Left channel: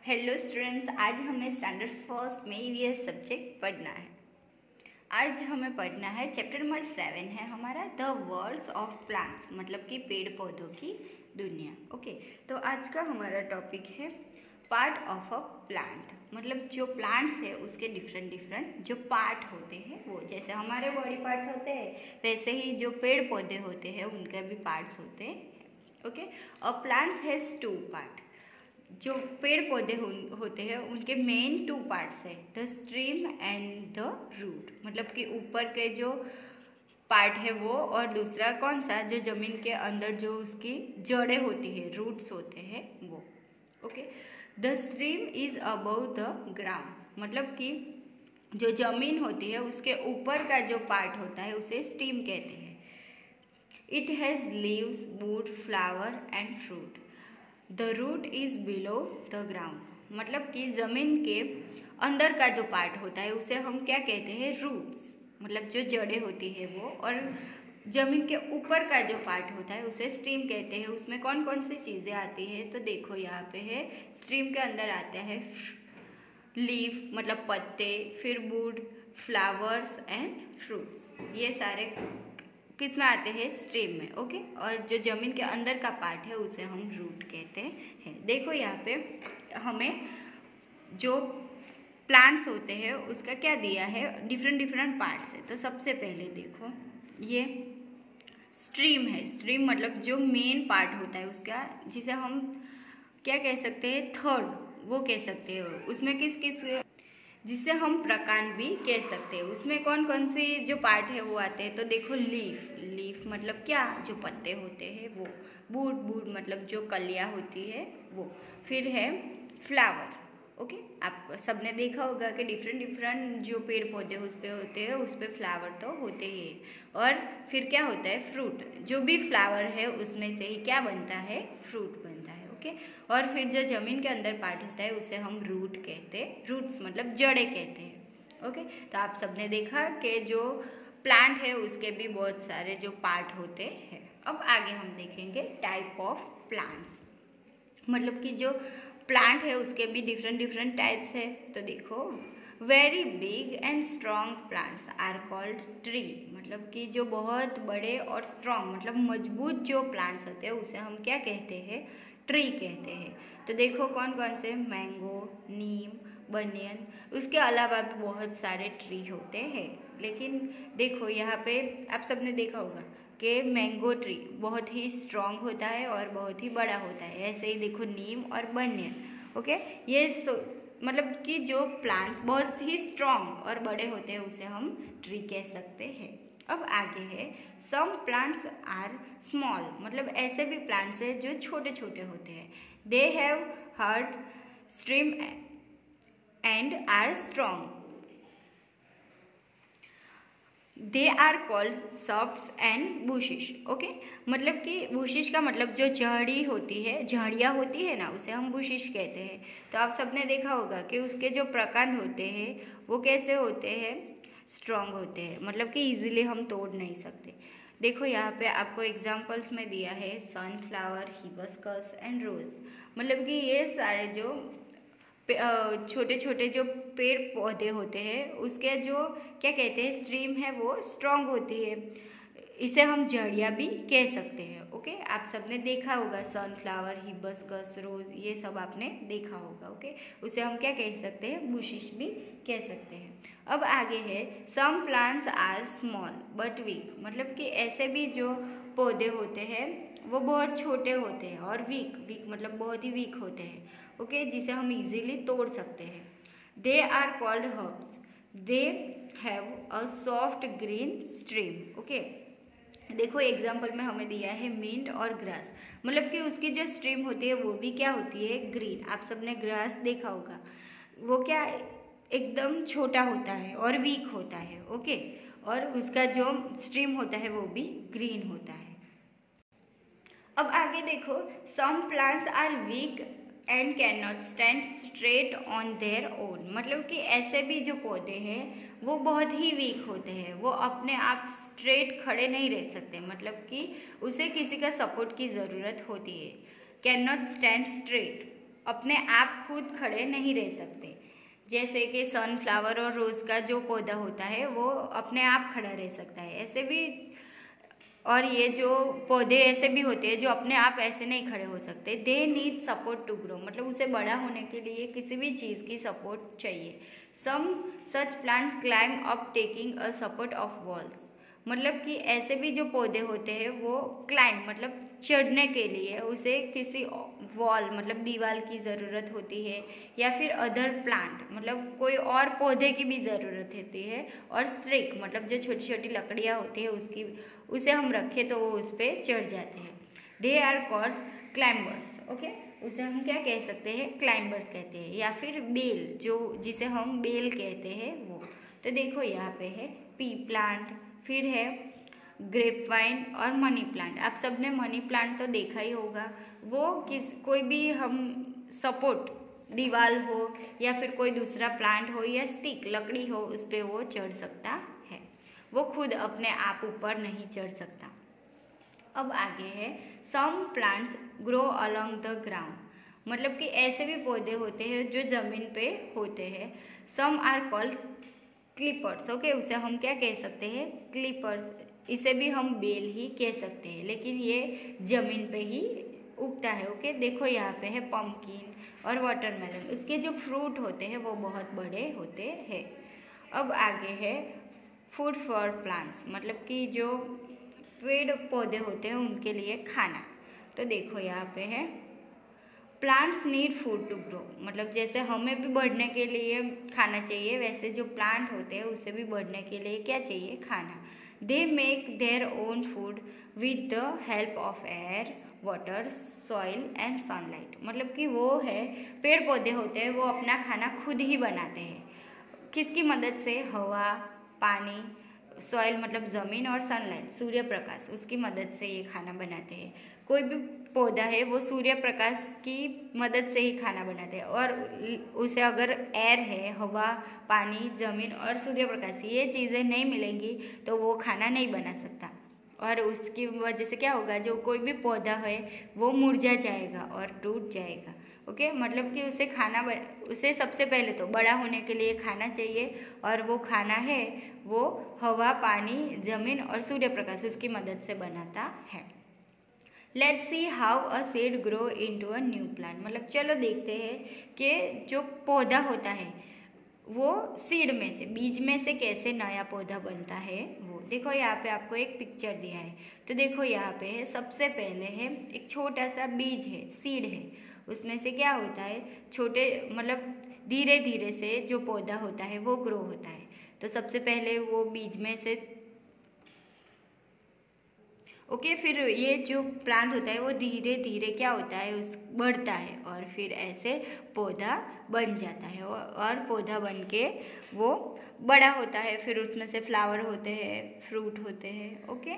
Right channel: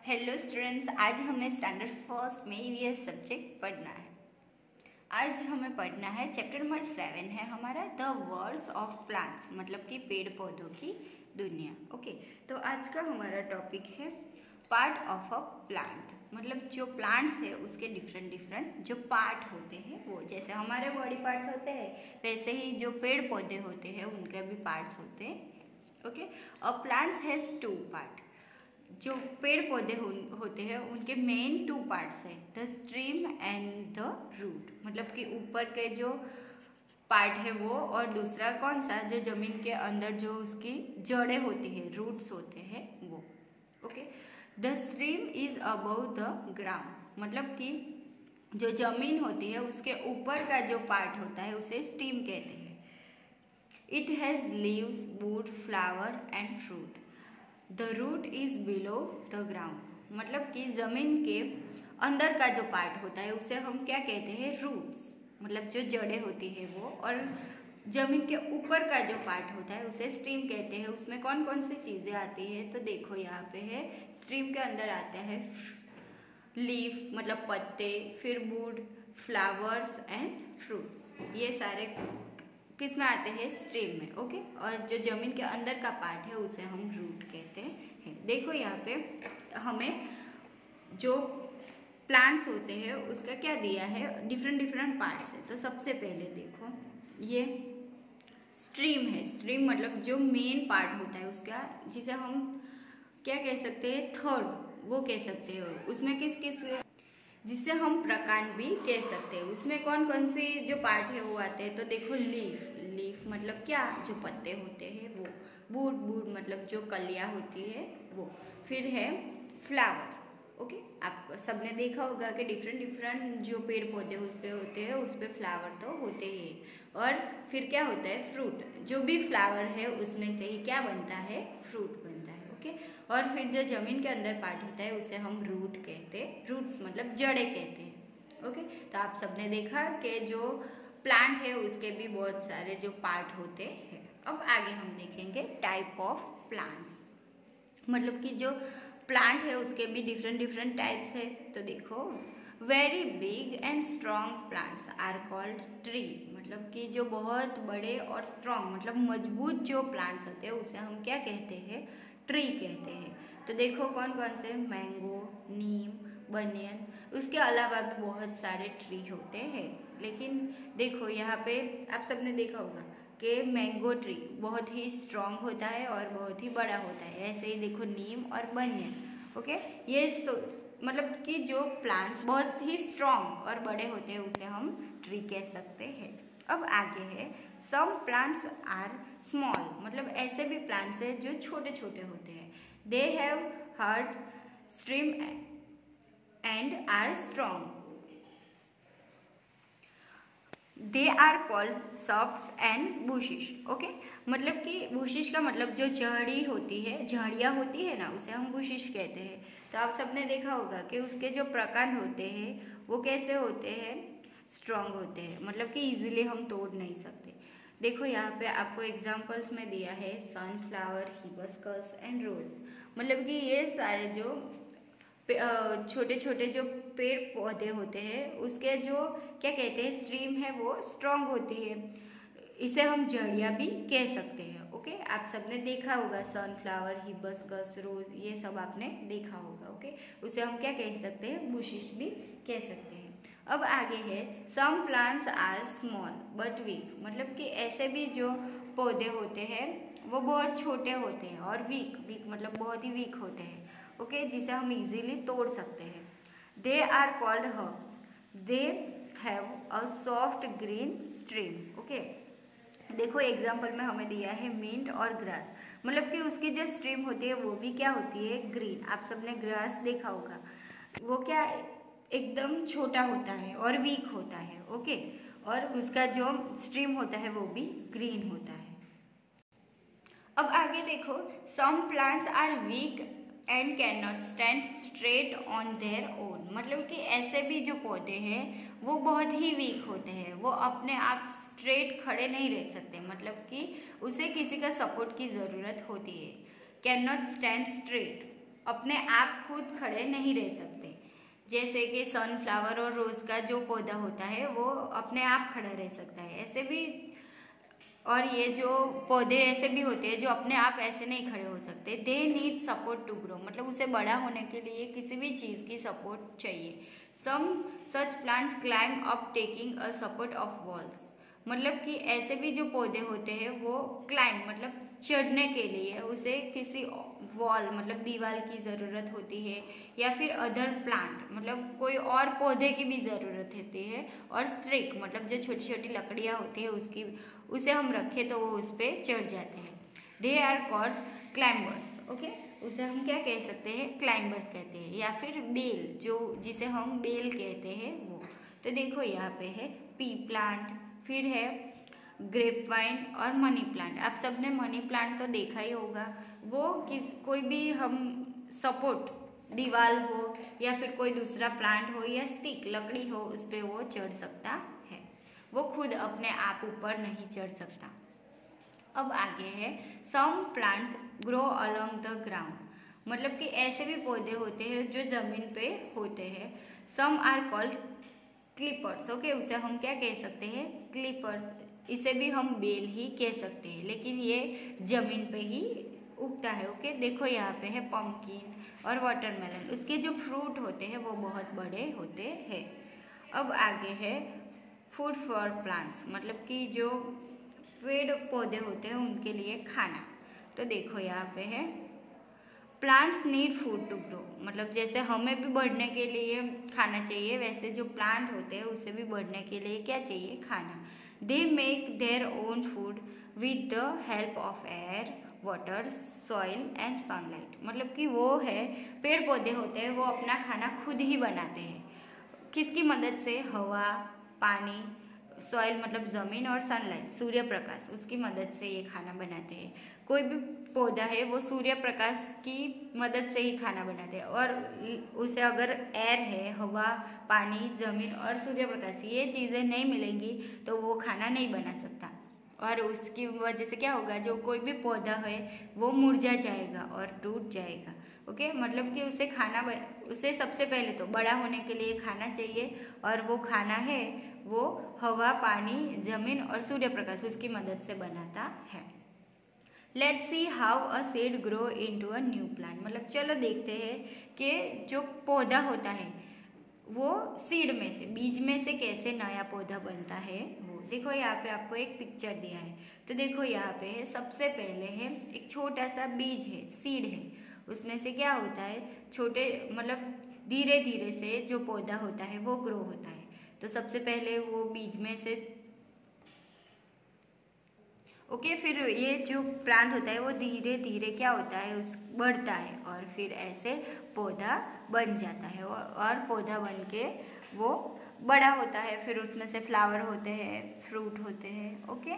Hello students, आज हमें standard first में ये सब्जेक्ट पढ़ना है। आज हमें पढ़ना है चैप्टर नंबर 7 है हमारा द वर्ल्ड्स ऑफ प्लांट्स, मतलब कि पेड़ पौधों की दुनिया। ओके, तो आज का हमारा टॉपिक है पार्ट ऑफ अ प्लांट, मतलब जो प्लांट्स है उसके डिफरेंट जो पार्ट होते हैं वो, जैसे हमारे बॉडी पार्ट्स होते हैं वैसे ही जो पेड़ पौधे होते हैं उनके भी पार्ट्स होते हैं। Okay, a plants has two part. जो पेड़ पौधे होते हैं उनके मेन टू पार्ट्स है, the stem and the root, मतलब कि ऊपर के जो पार्ट है वो, और दूसरा कौन सा, जो जमीन के अंदर जो उसकी जड़ें होती है, रूट्स होते हैं वो। Okay, the stream is above the ground, मतलब कि जो जमीन होती है उसके ऊपर का जो पार्ट होता है उसे स्टीम कहते हैं। It has leaves, wood, flower and fruit. The root is below the ground, मतलब कि जमीन के अंदर का जो पार्ट होता है उसे हम क्या कहते हैं, रूट्स, मतलब जो जड़ें होती है वो, और जमीन के ऊपर का जो पार्ट होता है उसे स्ट्रीम कहते हैं। उसमें कौन कौन सी चीज़ें आती है, तो देखो यहाँ पे है, स्ट्रीम के अंदर आता है लीफ मतलब पत्ते, फिर वुड, फ्लावर्स एंड फ्रूट्स, ये सारे किस में आते हैं, स्ट्रीम में। ओके, और जो जमीन के अंदर का पार्ट है उसे हम रूट कहते हैं। देखो यहाँ पे हमें जो प्लांट्स होते हैं उसका क्या दिया है, डिफरेंट पार्ट्स है। तो सबसे पहले देखो ये स्ट्रीम है। स्ट्रीम मतलब जो मेन पार्ट होता है उसका, जिसे हम क्या कह सकते हैं, थर्ड, वो कह सकते हैं। उसमें किस किस, जिसे हम प्रकांड भी कह सकते हैं। उसमें कौन कौन सी जो पार्ट है वो आते हैं, तो देखो लीफ, लीफ मतलब क्या, जो पत्ते होते हैं वो, बूड, बूड मतलब जो कलियाँ होती है वो, फिर है फ्लावर। ओके, आप सबने देखा होगा कि डिफरेंट जो पेड़ पौधे उस पे होते हैं उस पे फ्लावर तो होते ही। और फिर क्या होता है, फ्रूट, जो भी फ्लावर है उसमें से ही क्या बनता है, फ्रूट बनता है। ओके, और फिर जो जमीन के अंदर पार्ट होता है उसे हम रूट कहते हैं, रूट्स मतलब जड़ें कहते हैं। ओके, तो आप सबने देखा कि जो प्लांट है उसके भी बहुत सारे जो पार्ट होते हैं। अब आगे हम देखेंगे टाइप ऑफ प्लांट्स, मतलब कि जो प्लांट है उसके भी डिफरेंट टाइप्स है। तो देखो, very big and strong plants are called tree, मतलब कि जो बहुत बड़े और स्ट्रॉन्ग मतलब मजबूत जो प्लांट्स होते हैं उसे हम क्या कहते हैं, ट्री कहते हैं। तो देखो कौन कौन से, मैंगो, नीम, बनियन, उसके अलावा भी बहुत सारे ट्री होते हैं। लेकिन देखो यहाँ पे आप सबने देखा होगा कि मैंगो ट्री बहुत ही स्ट्रॉन्ग होता है और बहुत ही बड़ा होता है। ऐसे ही देखो नीम और बनियन। ओके, ये मतलब कि जो प्लांट्स बहुत ही स्ट्रॉन्ग और बड़े होते हैं उसे हम ट्री कह सकते हैं। अब आगे है, सम प्लांट्स आर स्मॉल, मतलब ऐसे भी प्लांट्स हैं जो छोटे छोटे होते हैं। They have hard stream and are strong. They are called softs and bushes. Okay, मतलब कि बुशिश का मतलब जो झाड़ी होती है, झाड़ियाँ होती है ना, उसे हम बुशिश कहते हैं। तो आप सबने देखा होगा कि उसके जो प्रकांड होते हैं वो कैसे होते हैं, स्ट्रॉन्ग होते हैं, मतलब कि इजीली हम तोड़ नहीं सकते। देखो यहाँ पे आपको एग्जांपल्स में दिया है सनफ्लावर, हिबिस्कस एंड रोज, मतलब कि ये सारे जो छोटे छोटे जो पेड़ पौधे होते हैं उसके जो क्या कहते हैं, स्ट्रीम है वो स्ट्रॉन्ग होती है, इसे हम जड़ियाँ भी कह सकते हैं। ओके, आप सबने देखा होगा सनफ्लावर, हिबिस्कस, रोज, ये सब आपने देखा होगा। ओके, उसे हम क्या कह सकते हैं, बुशिश भी कह सकते हैं। अब आगे है, some plants are small but weak, मतलब कि ऐसे भी जो पौधे होते हैं वो बहुत छोटे होते हैं और वीक, वीक मतलब बहुत ही वीक होते हैं। ओके, जिसे हम इजीली तोड़ सकते हैं। They are called herbs, they have a soft green stem. Okay, देखो एग्जाम्पल में हमें दिया है मिंट और ग्रास, मतलब कि उसकी जो स्ट्रीम होती है वो भी क्या होती है, ग्रीन। आप सबने ग्रास देखा होगा, वो क्या एकदम छोटा होता है और वीक होता है। ओके, और उसका जो स्ट्रीम होता है वो भी ग्रीन होता है। अब आगे देखो, some plants are weak and can not stand straight on their own, मतलब कि ऐसे भी जो पौधे हैं वो बहुत ही वीक होते हैं, वो अपने आप स्ट्रेट खड़े नहीं रह सकते, मतलब कि उसे किसी का सपोर्ट की ज़रूरत होती है। कैन नॉट स्टैंड स्ट्रेट अपने आप खुद खड़े नहीं रह सकते। जैसे कि सनफ्लावर और रोज का जो पौधा होता है वो अपने आप खड़ा रह सकता है, ऐसे भी। और ये जो पौधे ऐसे भी होते हैं जो अपने आप ऐसे नहीं खड़े हो सकते। They need support to grow, मतलब उसे बड़ा होने के लिए किसी भी चीज़ की सपोर्ट चाहिए। Some such plants climb up taking a support of walls, मतलब कि ऐसे भी जो पौधे होते हैं वो क्लाइम मतलब चढ़ने के लिए उसे किसी वॉल मतलब दीवार की ज़रूरत होती है, या फिर अदर प्लांट मतलब कोई और पौधे की भी ज़रूरत होती है। और स्ट्रिक मतलब जो छोटी छोटी लकड़ियाँ होती है उसकी उसे हम रखें तो वो उस पर चढ़ जाते हैं। They are called climbers. Okay, उसे हम क्या कह सकते हैं, क्लाइंबर्स कहते हैं। या फिर बेल, जो जिसे हम बेल कहते हैं वो। तो देखो यहाँ पे है पी प्लांट, फिर है ग्रेप वाइन और मनी प्लांट। आप सबने मनी प्लांट तो देखा ही होगा। वो कोई भी हम सपोर्ट दीवार हो या फिर कोई दूसरा प्लांट हो या स्टिक लकड़ी हो उस पर वो चढ़ सकता है, वो खुद अपने आप ऊपर नहीं चढ़ सकता। अब आगे है some plants grow along the ground, मतलब कि ऐसे भी पौधे होते हैं जो जमीन पे होते हैं। Some are called creepers. Okay, उसे हम क्या कह सकते हैं, क्लिपर्स। इसे भी हम बेल ही कह सकते हैं, लेकिन ये जमीन पे ही उगता है। ओके, देखो यहाँ पे है पम्पकिन और वाटरमेलन, उसके जो फ्रूट होते हैं वो बहुत बड़े होते हैं। अब आगे है फूड फॉर प्लांट्स, मतलब कि जो पेड़ पौधे होते हैं उनके लिए खाना। तो देखो यहाँ पे है plants need food to grow, मतलब जैसे हमें भी बढ़ने के लिए खाना चाहिए वैसे जो प्लांट होते हैं उसे भी बढ़ने के लिए क्या चाहिए, खाना। They make their own food with the help of air water soil and sunlight, मतलब कि वो है पेड़ पौधे होते हैं वो अपना खाना खुद ही बनाते हैं। किसकी मदद से, हवा, पानी, सॉइल मतलब ज़मीन और सनलाइट सूर्य प्रकाश, उसकी मदद से ये खाना बनाते हैं। कोई भी पौधा है वो सूर्य प्रकाश की मदद से ही खाना बनाते हैं, और उसे अगर एयर है, हवा, पानी, ज़मीन और सूर्य प्रकाश ये चीज़ें नहीं मिलेंगी तो वो खाना नहीं बना सकता। और उसकी वजह से क्या होगा, जो कोई भी पौधा है वो मुरझा जाएगा और टूट जाएगा। ओके, मतलब कि उसे सबसे पहले तो बड़ा होने के लिए खाना चाहिए, और वो खाना है वो हवा, पानी, जमीन और सूर्य प्रकाश उसकी मदद से बनाता है। Let's see how a seed grow into a new plant, मतलब चलो देखते हैं कि जो पौधा होता है वो सीड में से, बीज में से कैसे नया पौधा बनता है। वो देखो यहाँ पे आपको एक पिक्चर दिया है, तो देखो यहाँ पे है सबसे पहले है एक छोटा सा बीज है, सीड है, उसमें से क्या होता है छोटे मतलब धीरे धीरे से जो पौधा होता है वो ग्रो होता है। तो सबसे पहले वो बीज में से ओके, फिर ये जो प्लांट होता है वो धीरे धीरे क्या होता है उस बढ़ता है, और फिर ऐसे पौधा बन जाता है, और पौधा बन के वो बड़ा होता है। फिर उसमें से फ्लावर होते हैं, फ्रूट होते हैं। ओके,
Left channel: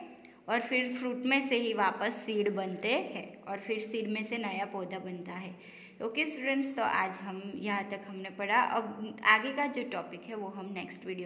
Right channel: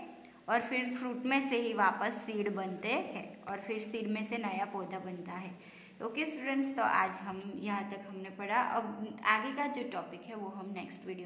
और फिर फ्रूट में से ही वापस सीड बनते हैं, और फिर सीड में से नया पौधा बनता है। ओके स्टूडेंट्स, तो आज हम यहाँ तक हमने पढ़ा। अब आगे का जो टॉपिक है वो हम नेक्स्ट वीडियो